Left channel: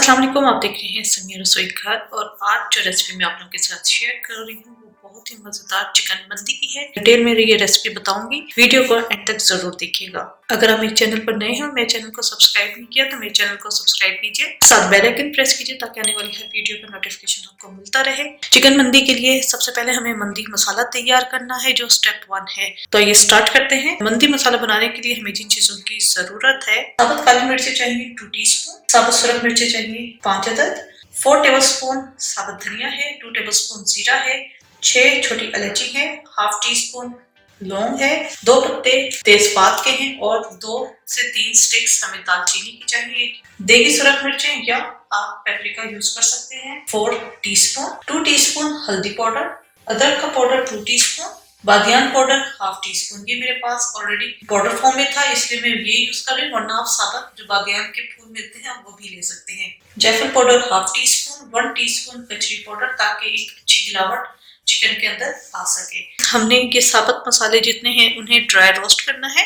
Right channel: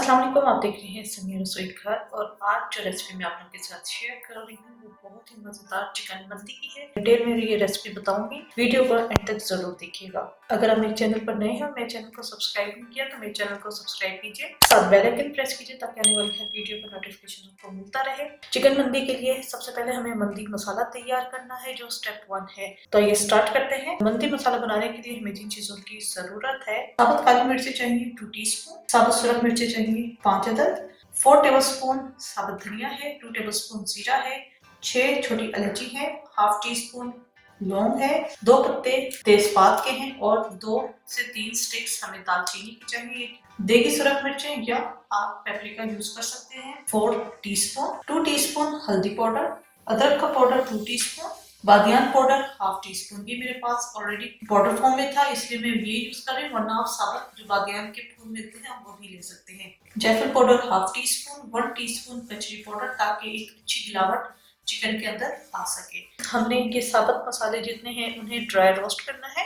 अस्सलाम वालेकुम, आप देख रहे हैं समीर रसोई घर। और आज जो रेसिपी मैं आप लोगों के साथ शेयर कर रही हूँ वो बहुत ही मज़ेदार चिकन मंदी की है। डिटेल में ये रेसिपी बताऊंगी, वीडियो को एंड तक जरूर देखिएगा। अगर आप मेरे चैनल पर नए हो, मेरे चैनल को सब्सक्राइब नहीं किया तो मेरे चैनल को सब्सक्राइब कीजिए, साथ बेल आइकन प्रेस कीजिए ताकि आने वाली हर वीडियो का नोटिफिकेशन आपको मिलता रहे। चिकन मंदी के लिए सबसे पहले हमें मंदी मसाला तैयार करना है, जो स्टेप 1 है। तो ये स्टार्ट करते हैं। मंदी मसाला बनाने के लिए हमें जिन चीजों की जरूरत है, साबुत काली मिर्ची चाहिए 2 टीस्पून, साबुत सुरख मिर्ची चाहिए 5 अदद, 4 टेबलस्पून साबुत धनिया है, 2 टेबलस्पून जीरा है, 6 छोटी इलायची है, हाफ टी स्पून लौंग है, 2 पत्ते तेजपात के हैं और 2 से 3 स्टिक्स हमें दालचीनी की चाहिए। देगी सुरख मिर्चें या आप पेपरिका यूज कर सकते हैं 4 टीस्पून, 2 टीस्पून हल्दी पाउडर, अदरक का पाउडर 2 टीस्पून, बादियान पाउडर हाफ टी स्पून। ये मेरे पास ऑलरेडी पाउडर फॉर्म में था इसलिए मैं ये यूज कर रही हूँ, वरना आप साबुत जो बादियान के फूल मिलते हैं वो भी ले सकते हैं। जायफल powder half tea spoon, 1 teaspoon कचरी पाउडर, ताकि एक अच्छी गिलावट चिकन के अंदर आ सके। हमने ये साबुत मसाले जितने हैं उन्हें ड्राई रोस्ट करना है।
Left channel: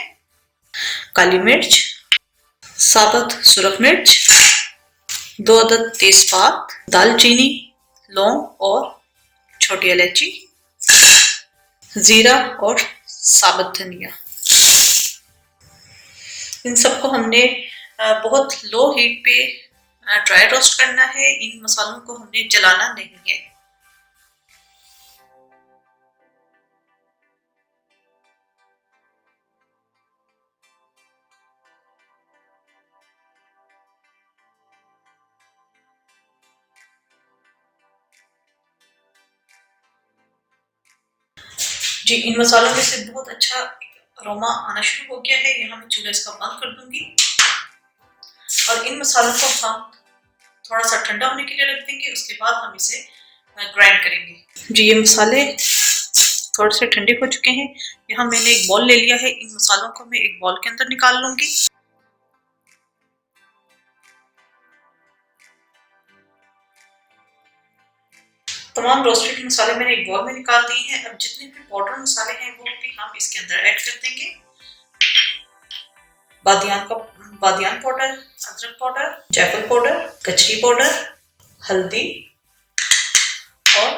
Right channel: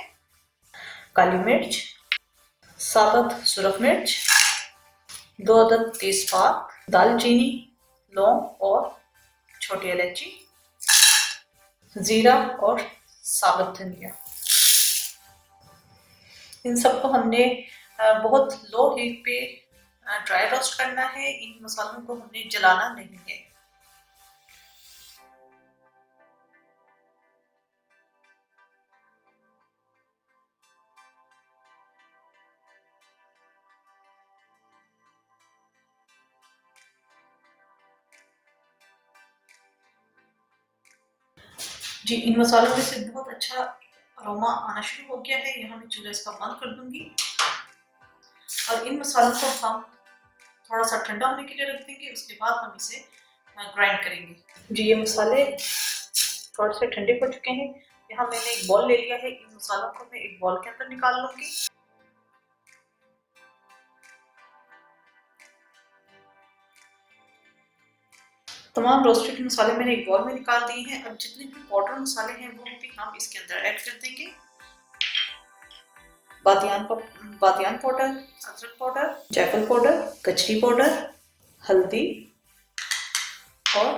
काली मिर्च, साबुत सुरख मिर्च, 2 अदद तेजपात, दालचीनी, लौंग और छोटी इलायची, जीरा और साबुत धनिया। इन सबको हमने बहुत लो हीट पे ड्राई रोस्ट करना है। इन मसालों को हमने जलाना नहीं है। जी, इन मसालों में से बहुत अच्छा अरोमा आना शुरू हो गया है। यहाँ मैं चूल्हा इसका बंद कर दूंगी और इन मसालों को हम थोड़ा सा ठंडा होने के लिए रख देंगे। उसके बाद हम इसे ग्राइंड करेंगे। जी, ये मसाले थोड़े से ठंडे हो चुके हैं। यहाँ मैंने एक बॉल ले लिया है। इन मसालों को मैं एक बॉल के अंदर निकाल लूंगी। तमाम रोस्टेड मसाले मैंने एक बॉल में निकाल दिए हैं। अब जितने भी पाउडर मसाले हैं वो भी हम इसके अंदर ऐड कर देंगे। बादियान पाउडर, अदरक पाउडर, जायफल पाउडर, कचरी पाउडर, हल्दी और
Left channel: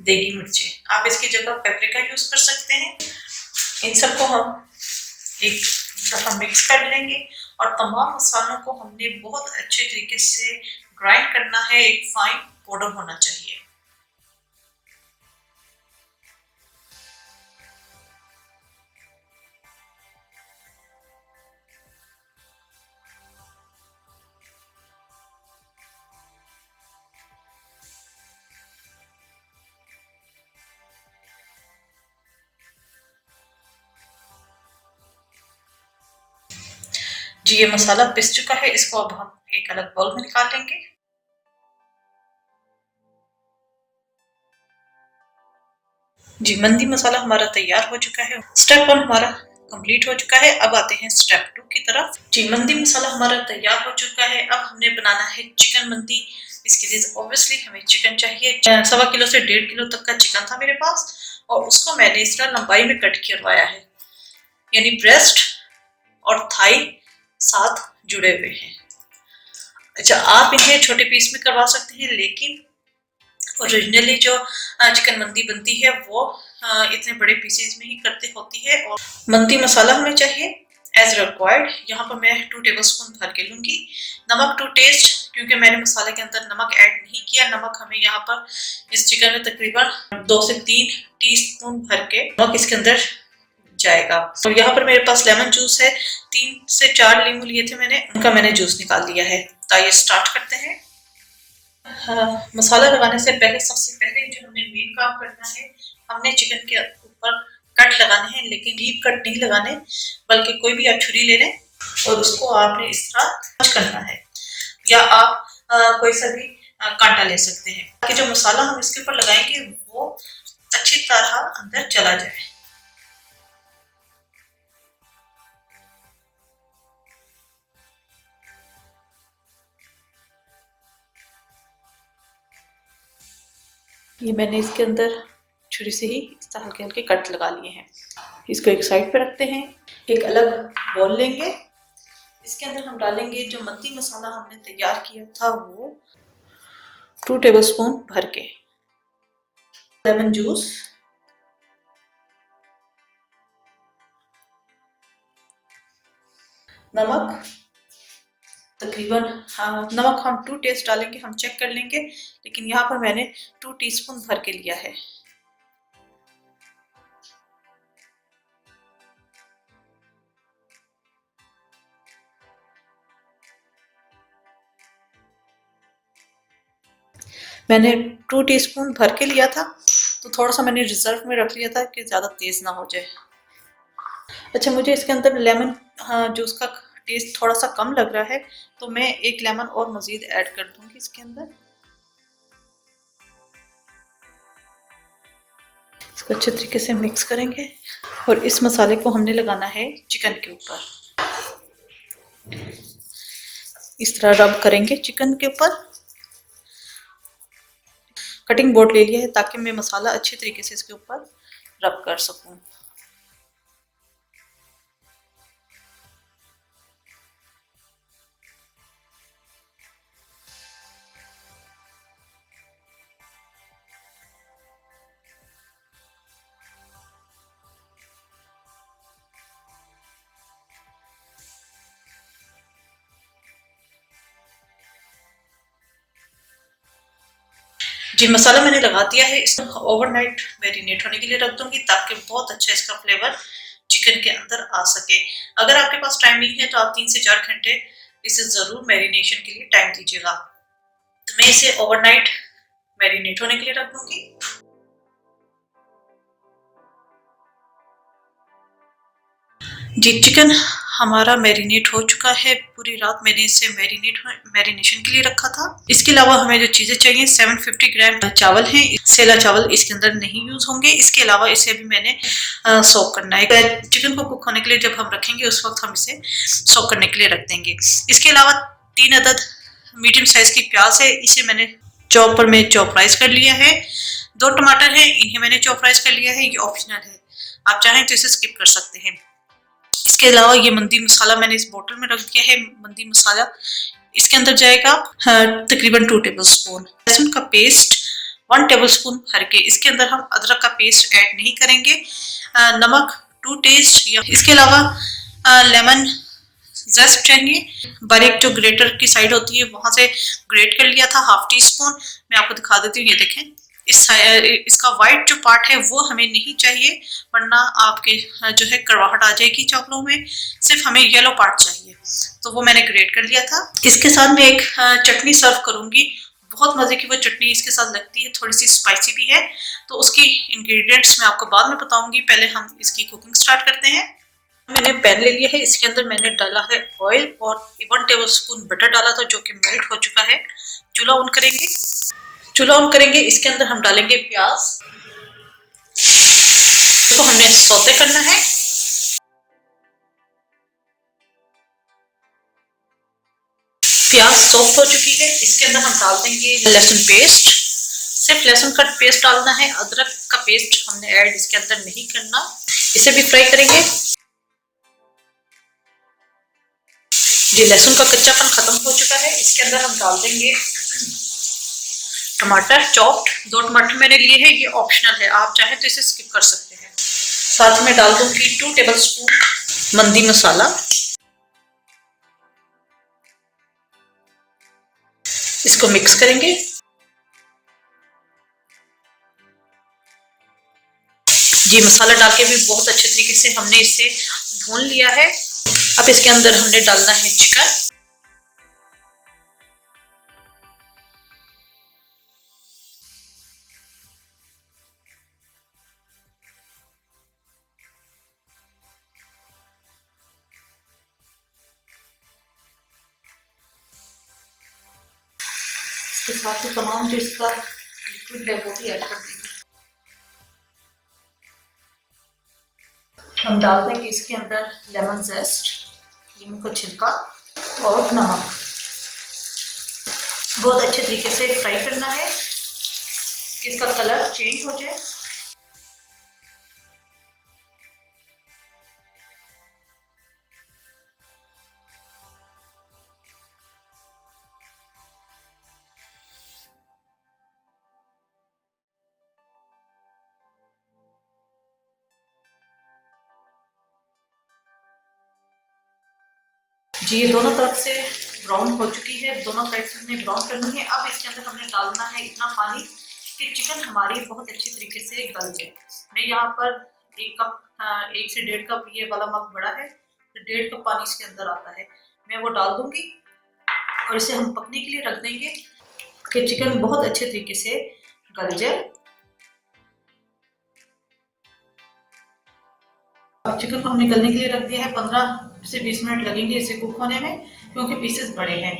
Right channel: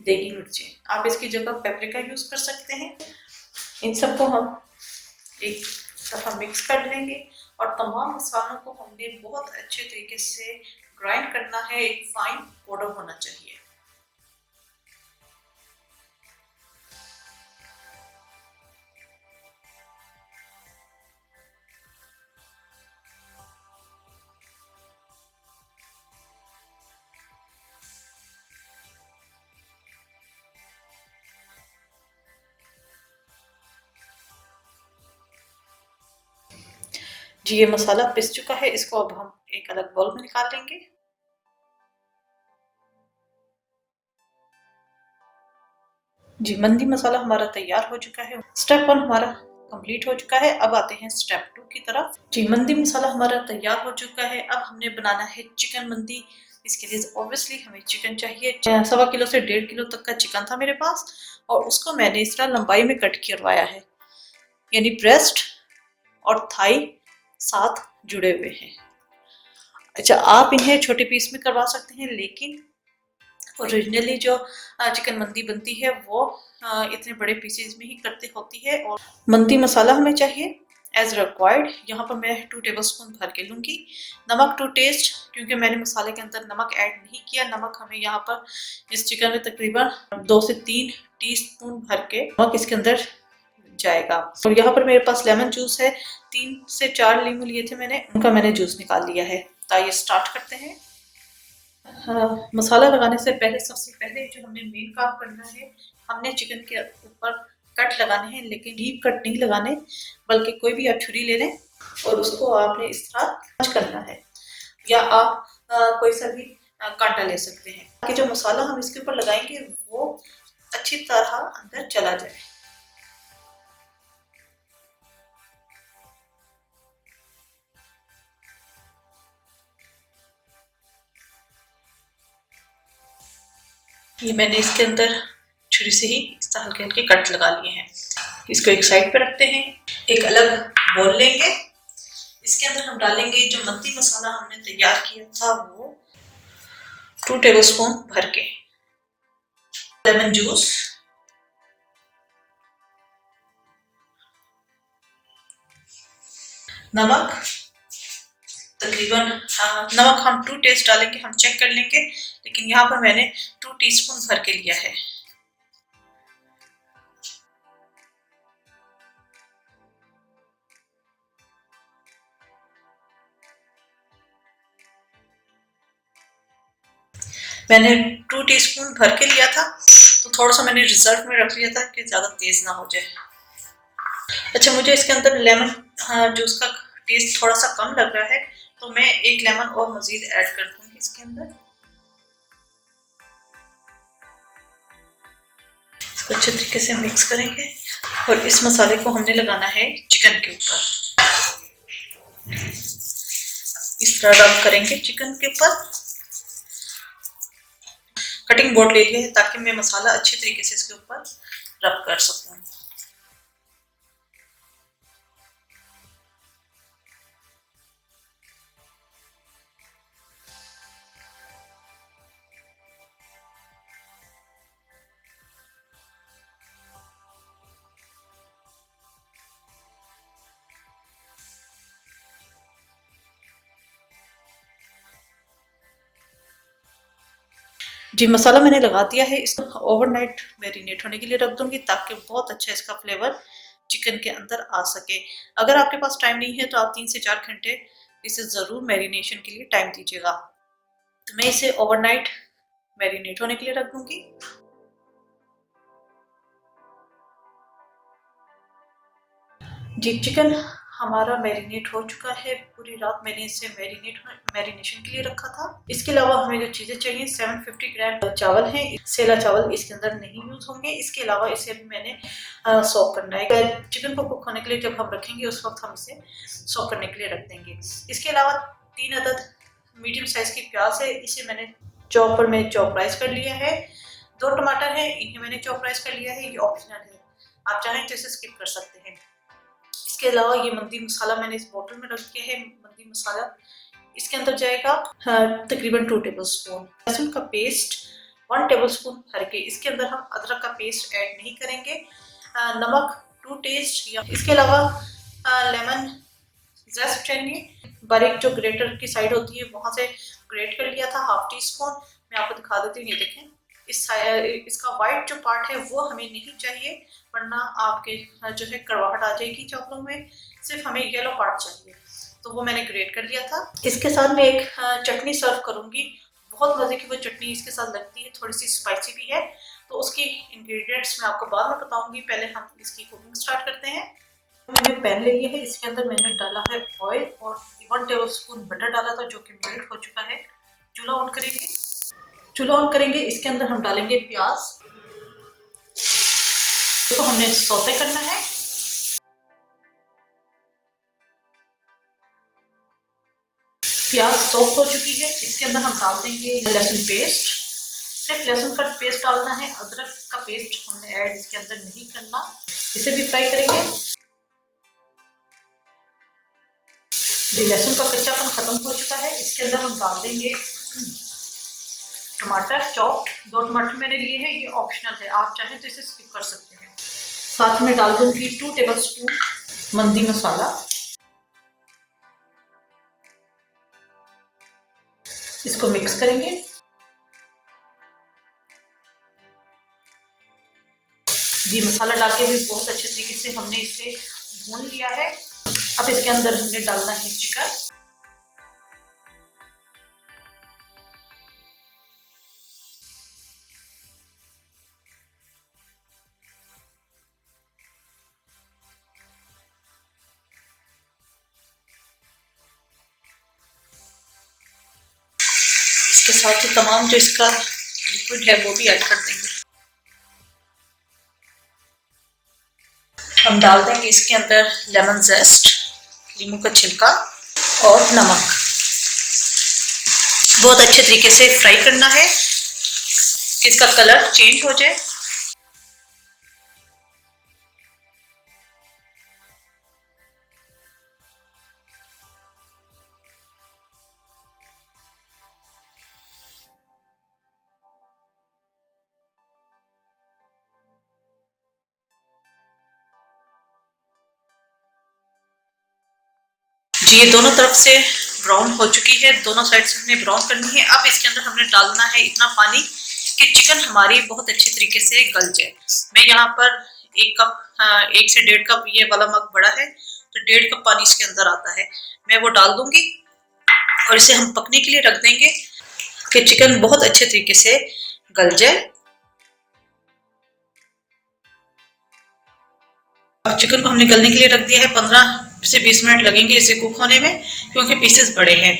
देगी मिर्चें। आप इसकी जगह पेपरिका यूज कर सकते हैं। इन सबको हम एक दफा मिक्स कर लेंगे और तमाम मसालों को हमने बहुत अच्छे तरीके से ग्राइंड करना है। एक फाइन पाउडर होना चाहिए। जी, ये मसाला पिस चुका है। इसको अब हम एक अलग बाउल में निकाल लेंगे। जी, मंदी मसाला हमारा तैयार हो चुका है। स्टेप 1 हमारा कंप्लीट हो चुका है। अब आते हैं स्टेप 2 की तरफ। जी, मंदी मसाला हमारा तैयार हो चुका है। अब हमने बनाना है चिकन मंदी। इसके लिए ऑब्वियसली हमें चिकन चाहिए। 1.25 किलो से 1.5 किलो तक का चिकन था मेरे पास और उसको मैंने इस तरह लंबाई में कट करवाया है, यानी ब्रेस्ट और थाई साथ जुड़े हुए हैं। अच्छा, आप इन्हें छोटे पीस में करवा सकते हैं, लेकिन ओरिजिनली जो चिकन मंदी बनती है वो इतने बड़े पीसेस में ही करते होती है। और मंदी मसाला हमें चाहिए एज रिक्वायर्ड। यहाँ पर मैं 2 टेबलस्पून भर के लूंगी। नमक टू टेस्ट, क्योंकि मैंने मसाले के अंदर नमक ऐड नहीं किया। नमक हमें यहाँ पर इस चिकन में तकरीबन 2 से 3 टीस्पून भर के नमक इसके अंदर जाएगा। और यहाँ पर मेरे पास लेमन जूस है। 3 से 4 नींबू लिए थे मैंने, उनका मैंने जूस निकाल लिया है। तो ये स्टार्ट करते हैं। मसाला लगाने से पहले सबसे पहले जो हमने मेन काम करना है, हमने चिकन के ऊपर कट लगाने हैं, लेकिन डीप कट नहीं लगाने, बल्कि कोई भी आप छुरी ले लें और उसको आपने इस तरह करना है, या आप कोई सा भी कांटा ले सकते हैं ताकि जो मसाला हम इसके ऊपर लगाएंगे वो अच्छी तरह अंदर चला जाए। ये मैंने इसके अंदर छुरी से ही इस तरह हल्के हल्के कट लगा लिए हैं। इसको एक साइड पे रखते हैं। एक अलग बॉल लेंगे, इसके अंदर हम डालेंगे जो मंदी मसाला हमने तैयार किया था वो 2 टेबलस्पून भर के, लेमन जूस, नमक तकरीबन नमक हम 2 टेस्ट डालेंगे, हम चेक कर लेंगे, लेकिन यहाँ पर मैंने 2 टीस्पून भर के लिया है। मैंने 2 टीस्पून भर के लिया था, तो थोड़ा सा मैंने रिजर्व में रख लिया था कि ज़्यादा तेज़ ना हो जाए। अच्छा, मुझे इसके अंदर लेमन जूस का टेस्ट थोड़ा सा कम लग रहा है, तो मैं 1 लेमन और मज़ीद ऐड कर दूंगी इसके अंदर। इसको अच्छे तरीके से मिक्स करेंगे और इस मसाले को हमने लगाना है चिकन के ऊपर। इस तरह रब करेंगे चिकन के ऊपर। कटिंग बोर्ड ले लिया है ताकि मैं मसाला अच्छी तरीके से इसके ऊपर रब कर सकूं। जी, मसाला मैंने लगा दिया है, इसको ओवरनाइट मैरिनेट होने के लिए रख दूंगी ताकि बहुत अच्छा इसका फ्लेवर चिकन के अंदर आ सके। अगर आपके पास टाइम नहीं है तो आप 3 से 4 घंटे इसे ज़रूर मैरिनेशन के लिए टाइम दीजिएगा। तो मैं इसे ओवरनाइट मैरिनेट होने के लिए रख दूंगी। जी, चिकन हमारा मैरिनेट हो चुका है। पूरी रात मैंने इसे मैरिनेशन के लिए रखा था। इसके अलावा हमें जो चीज़ें चाहिए, 750 ग्राम चावल है, सेला चावल इसके अंदर नहीं यूज़ होंगे। इसके अलावा इसे भी मैंने सोक करना है। चिकन को कुक होने के लिए जब हम रखेंगे उस वक्त हम इसे सोक करने के लिए रख देंगे। इसके अलावा 3 अदद मीडियम साइज़ की प्याज है, इसे मैंने चॉपर में चॉपराइज कर लिया है। 2 टमाटर है, इन्हें मैंने चॉपराइज कर लिया है। ये ऑप्शनल है, आप चाहें तो इसे स्किप कर सकते हैं। इसके अलावा ये मंदी मसाला मैंने इस बोतल में रख दिया है। मंदी मसाला इसके अंदर जाएगा तकरीबन 2 टेबलस्पून। लहसुन का पेस्ट 1 टेबलस्पून भर के, इसके अंदर हम अदरक का पेस्ट ऐड नहीं करेंगे। नमक 2 टेस्ट। इसके अलावा लेमन जेस्ट चाहिए, बारीक जो ग्रेटर की साइड होती है वहां से ग्रेट कर लिया था, 1/2 टीस्पून। मैं आपको दिखा देती हूँ, ये देखें, इसका वाइट जो पार्ट है वो हमें नहीं चाहिए, वरना आपके जो है कड़वाहट आ जाएगी चावलों में। सिर्फ हमें येलो पार्ट चाहिए, तो वो मैंने ग्रेट कर लिया था। इसके साथ मैं एक चटनी सर्व करूंगी, बहुत मजे की वो चटनी इसके साथ लगती है, थोड़ी सी स्पाइसी भी है। तो उसकी इंग्रेडिएंट्स मैं आपको बाद में बताऊंगी, पहले हम इसकी कुकिंग स्टार्ट करते हैं। मैंने पैन ले लिया है, इसके अंदर मैंने डाला है ऑयल और 1 टेबलस्पून बटर डाला था जो कि मेल्ट हो चुका है। चूल्हा ऑन करेंगे। इसके अंदर हम डालेंगे प्याज, इसको हमने सौते करना है। प्याज सॉफ्ट हो चुकी है, इसके अंदर हम डाल देंगे लहसुन पेस्ट। सिर्फ लहसुन का पेस्ट डालना है, अदरक का पेस्ट हमने ऐड इसके अंदर नहीं करना। इसे भी फ्राई करेंगे। जी, लहसुन का कच्चापन खत्म हो चुका है, इसके अंदर हम डाल देंगे टमाटर चॉप्ड। 2 टमाटर मैंने लिए हैं, ये ऑप्शनल है, आप चाहें तो इसे स्किप कर सकते हैं। साथ में डाल दूंगी 2 टेबलस्पून मंदी मसाला। इसको मिक्स करेंगे। जी, मसाला डाल के भी बहुत अच्छे तरीके से हमने इसे भून लिया है। अब इसके अंदर हमने डालना है चिकन। इसके साथ ही तमाम जो इसका लिक्विड है वो भी ऐड कर देंगे। हम डाल देंगे इसके अंदर लेमन जेस्ट, नींबू का छिलका और नमक। बहुत अच्छे तरीके से फ्राई करना है कि इसका कलर चेंज हो जाए। जी ये दोनों तरफ से ब्राउन हो चुकी है, दोनों साइड से हमने ब्राउन करनी है। अब इसके अंदर हमने डालना है इतना पानी कि चिकन हमारी बहुत अच्छी तरीके से गल जाए। मैं यहाँ पर 1 कप 1 से 1.5 कप, ये वाला मग बड़ा है तो 1.5 कप पानी इसके अंदर आता है, मैं वो डाल दूंगी और इसे हम पकने के लिए रख देंगे कि चिकन बहुत अच्छे तरीके से गल जाए। अब चिकन को हमने गलने के लिए रख दिया है, 15 से 20 मिनट लगेंगे इसे कुक होने में, क्योंकि पीसेस बड़े हैं।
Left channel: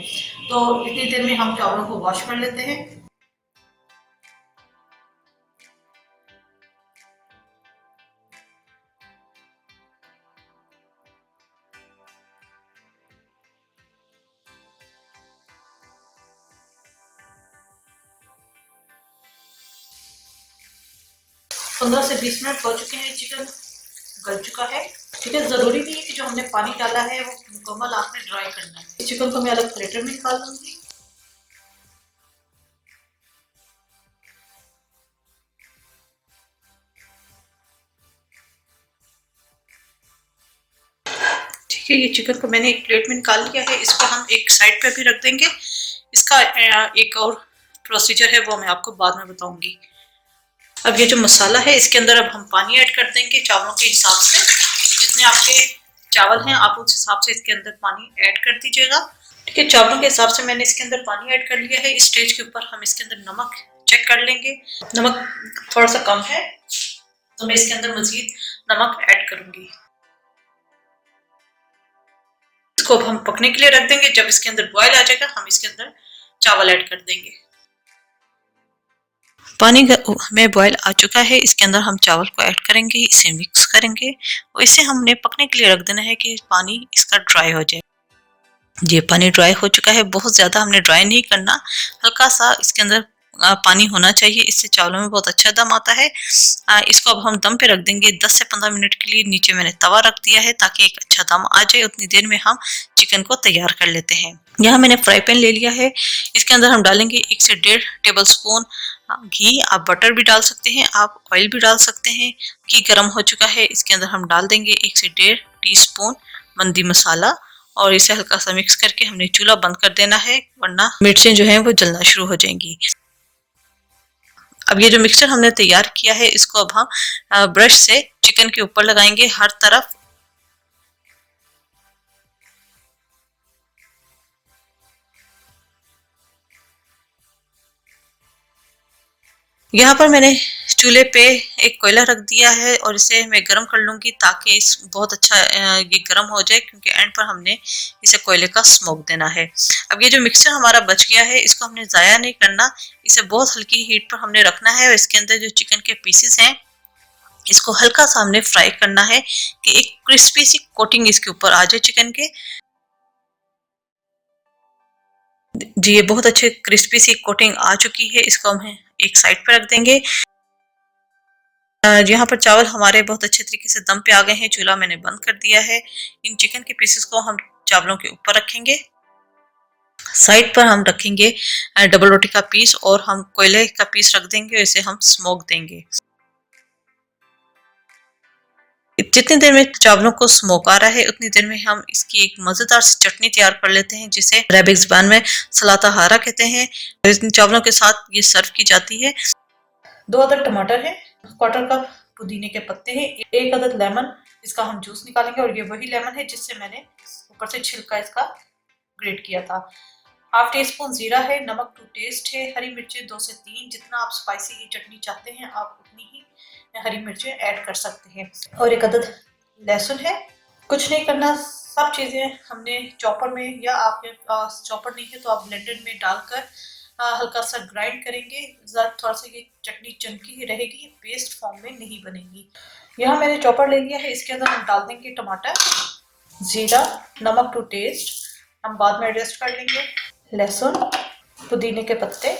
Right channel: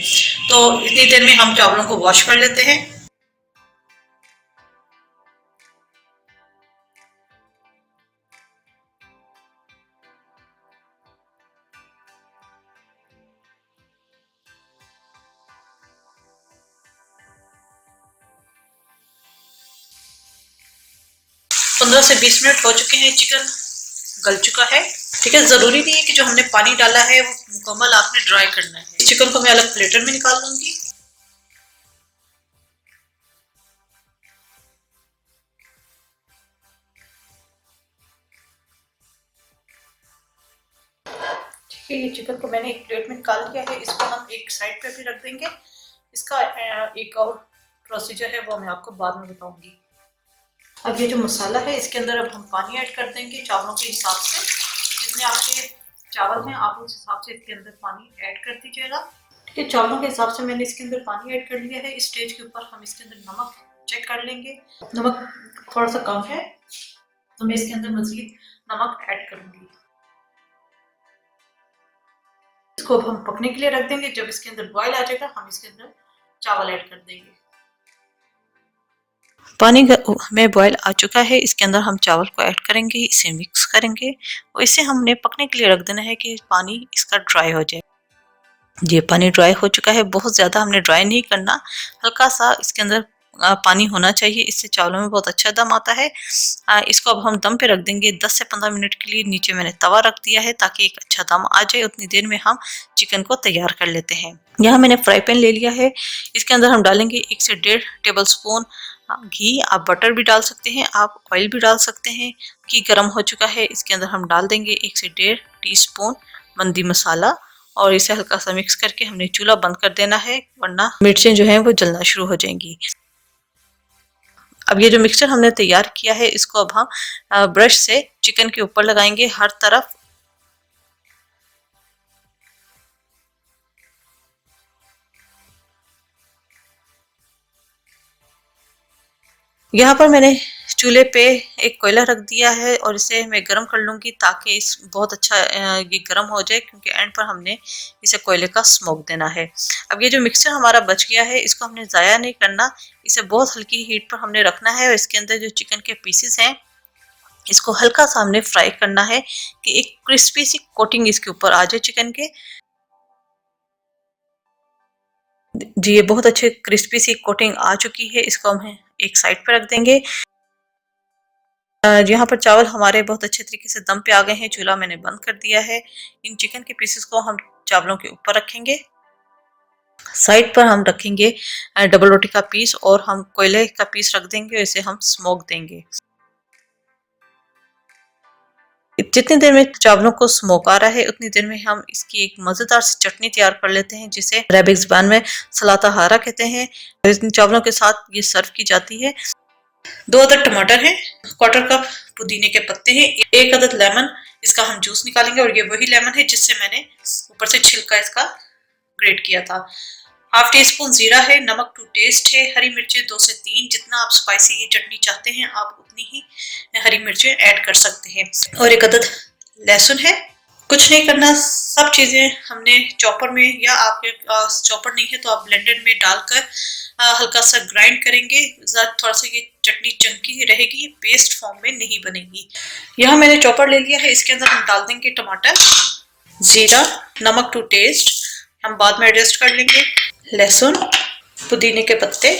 तो इतनी देर में हम चावलों को वॉश कर लेते हैं। पंद्रह से 20 मिनट हो चुके हैं, चिकन गल चुका है। ठीक है, जरूरी नहीं है कि जो हमने पानी डाला है वो मुकम्मल आपने ड्राई करना है। चिकन को मैं अलग प्लेटर में निकाल दूंगी। ठीक है, ये चिकन को मैंने एक प्लेट में निकाल लिया है, इसको हम एक साइड पे भी रख देंगे। इसका एक और प्रोसीजर है वो मैं आपको बाद में बताऊंगी। अब ये जो मसाला है इसके अंदर अब हम पानी ऐड कर देंगे चावलों के हिसाब से। जितने आपके चावल हैं आप उस हिसाब से इसके अंदर पानी ऐड कर दीजिएगा। ठीक है, चावलों के हिसाब से मैंने इसके अंदर पानी ऐड कर लिया है। इस स्टेज के ऊपर हम इसके अंदर नमक चेक कर लेंगे। नमक थोड़ा सा कम है तो मैं इसके अंदर मजीद नमक ऐड करूंगी। इसको अब हम पकने के लिए रख देंगे। जब इसके अंदर बॉयल आ जाएगा हम इसके अंदर चावल ऐड कर देंगे। पानी में बॉयल आ चुका है, इसके अंदर हम चावल को ऐड करेंगे, इसे मिक्स करेंगे और इसे हमने पकने के लिए रख देना है कि पानी इसका ड्राई हो जाए। ये पानी ड्राई हो चुका है, बहुत ज़्यादा हमने ड्राई नहीं करना, हल्का सा इसके अंदर पानी होना चाहिए, इससे चावलों में बहुत अच्छा दम आता है। इसको अब हम दम पे रख देंगे 10 से 15 मिनट के लिए। नीचे मैंने तवा रख दिया है ताकि एक अच्छा दम आ जाए। उतनी देर में हम चिकन को तैयार कर लेते हैं। यहाँ मैंने फ्राई पैन ले लिया है, इसके अंदर हम डालेंगे 1 से 1.5 टेबल स्पून घी। आप बटर भी डाल सकते हैं, आप ऑयल भी डाल सकते हैं। घी गर्म हो चुका है, इसके अंदर हम डाल देंगे 1 से 1.5 टीस्पून मंदी मसाला और इसे हल्का सा मिक्स करके हमने चूल्हा बंद कर देना है, वरना मिर्चें जो हैं वो जलना शुरू हो जाएंगी। अब ये जो मिक्सचर हमने तैयार किया है इसको अब हम ब्रश से चिकन के ऊपर लगाएंगे हर तरफ। यहाँ पर मैंने चूल्हे पे एक कोयला रख दिया है और इसे मैं गर्म कर लूंगी ताकि इस बहुत अच्छा ये गर्म हो जाए, क्योंकि एंड पर हमने इसे कोयले का स्मोक देना है। अब ये जो मिक्सचर हमारा बच गया है इसको हमने ज़ाया नहीं करना, इसे बहुत हल्की हीट पर हमने रखना है और इसके अंदर जो चिकन के पीसेस हैं इसको हल्का सा हमने फ्राई करना है कि एक क्रिस्पी सी कोटिंग इसके ऊपर आ जाए चिकन के। जी ये बहुत अच्छे क्रिस्पी सी कोटिंग आ चुकी है, इसको हम एक साइड पर रख देंगे। यहाँ पर चावल हमारे बहुत अच्छे तरीके से दम पे आ गए हैं, चूल्हा मैंने बंद कर दिया है। इन चिकन के पीसेस को हम चावलों के ऊपर रखेंगे। साइड पर हम रखेंगे डबल रोटी का पीस और हम कोयले का पीस रख देंगे और इसे हम स्मोक देंगे। जितनी देर में चावलों को स्मोक आ रहा है उतनी देर में हम इसकी एक मज़ेदार सी चटनी तैयार कर लेते हैं, जिसे अरबिक ज़बान में सलाता हारा कहते हैं। इन चावलों के साथ ये सर्व की जाती है। 2 अदद टमाटर हैं, 1/4 कप पुदीने के पत्ते हैं, 1 अदद लेमन, इसका हम जूस निकालेंगे और ये वही लेमन है जिससे मैंने ऊपर से छिलका इसका ग्रेट किया था। हाफ टी स्पून जीरा है, नमक टू टेस्ट है, हरी मिर्चें 2 से 3, जितना आप स्पाइसी ये चटनी चाहते हैं आप उतनी ही हरी मिर्चें ऐड कर सकते हैं और 1 अदद लहसुन है। कुछ नहीं करना, सब चीज़ें हमने चॉपर में, या आपके पास चॉपर नहीं है तो आप ब्लेंडर में डालकर हल्का सा ग्राइंड करेंगे। थोड़ा सा ये चटनी चंकी रहेगी, पेस्ट फॉर्म में नहीं बनेगी। यहाँ मैंने चॉपर ले लिया है, इसके अंदर हम डाल देंगे टमाटर, जीरा, नमक टू टेस्ट, हम बाद में एडजस्ट कर लेंगे, लहसुन, पुदीने के पत्ते,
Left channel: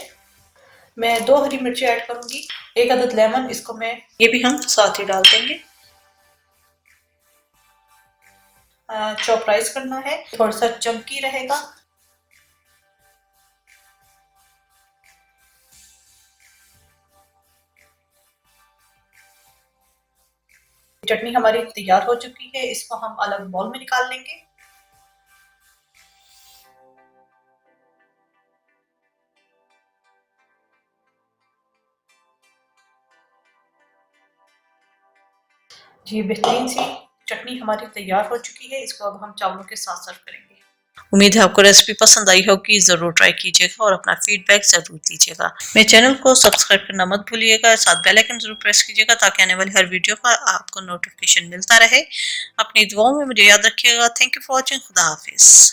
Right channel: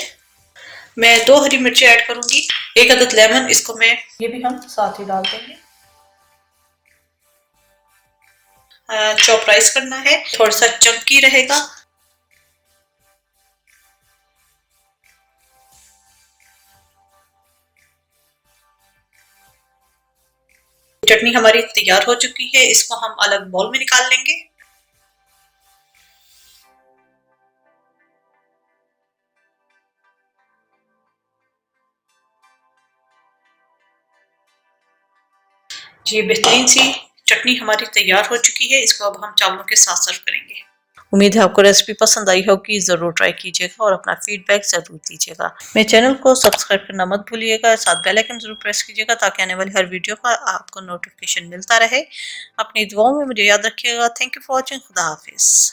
मैं 2 हरी मिर्ची ऐड करूंगी, 1 अदद लेमन, इसको मैं ये भी हम साथ ही डाल देंगे। चॉप राइस करना है, थोड़ा सा चंकी रहेगा। चटनी हमारी तैयार हो चुकी है, इसको हम अलग बाउल में निकाल लेंगे। ये बेहतरीन सी चटनी हमारी तैयार हो चुकी है। इसको अब हम चावलों के साथ सर्व करेंगे। उम्मीद है आपको रेसिपी पसंद आई होगी। ज़रूर ट्राई कीजिएगा और अपना फीडबैक ज़रूर दीजिएगा। मेरे चैनल को सब्सक्राइब करना मत भूलिएगा। साथ बेल आइकन ज़रूर प्रेस कीजिएगा ताकि आने वाली हर वीडियो का आपको नोटिफिकेशन मिलता रहे। अपनी दुआओं में मुझे याद रखिएगा। Thank you for watching. खुदा हाफिज़।